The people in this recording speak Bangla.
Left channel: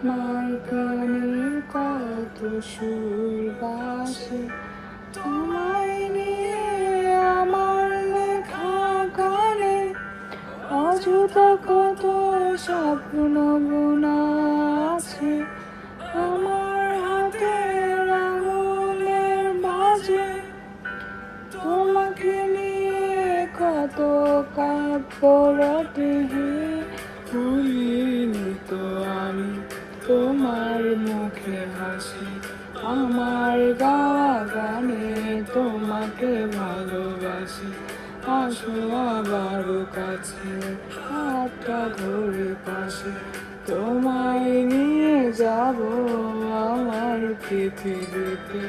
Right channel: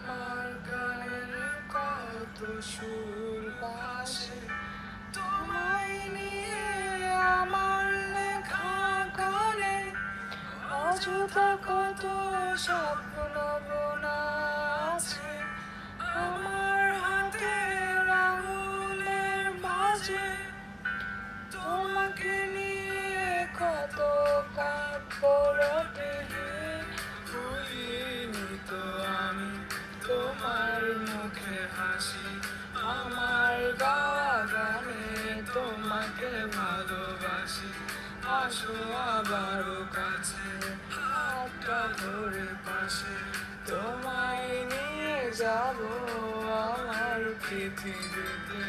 আমার গানে কত সুর বাসে, তোমায় নিয়ে আমার লেখা গানে অযথা কত স্বপ্ন বোনা আছে। আমার হাতের আঙুলের মাঝে তোমাকে নিয়ে কত কাব্য রটে। ভুলিনি তো আমি তোমার মুখে হাসি, আমার গাওয়া গানে তোমাকে ভালোবাসি। আসো আবারও কাছে, হাতটা ধরে পাশে, তোমায় নিয়ে যাবো আমার পৃথিবীতে।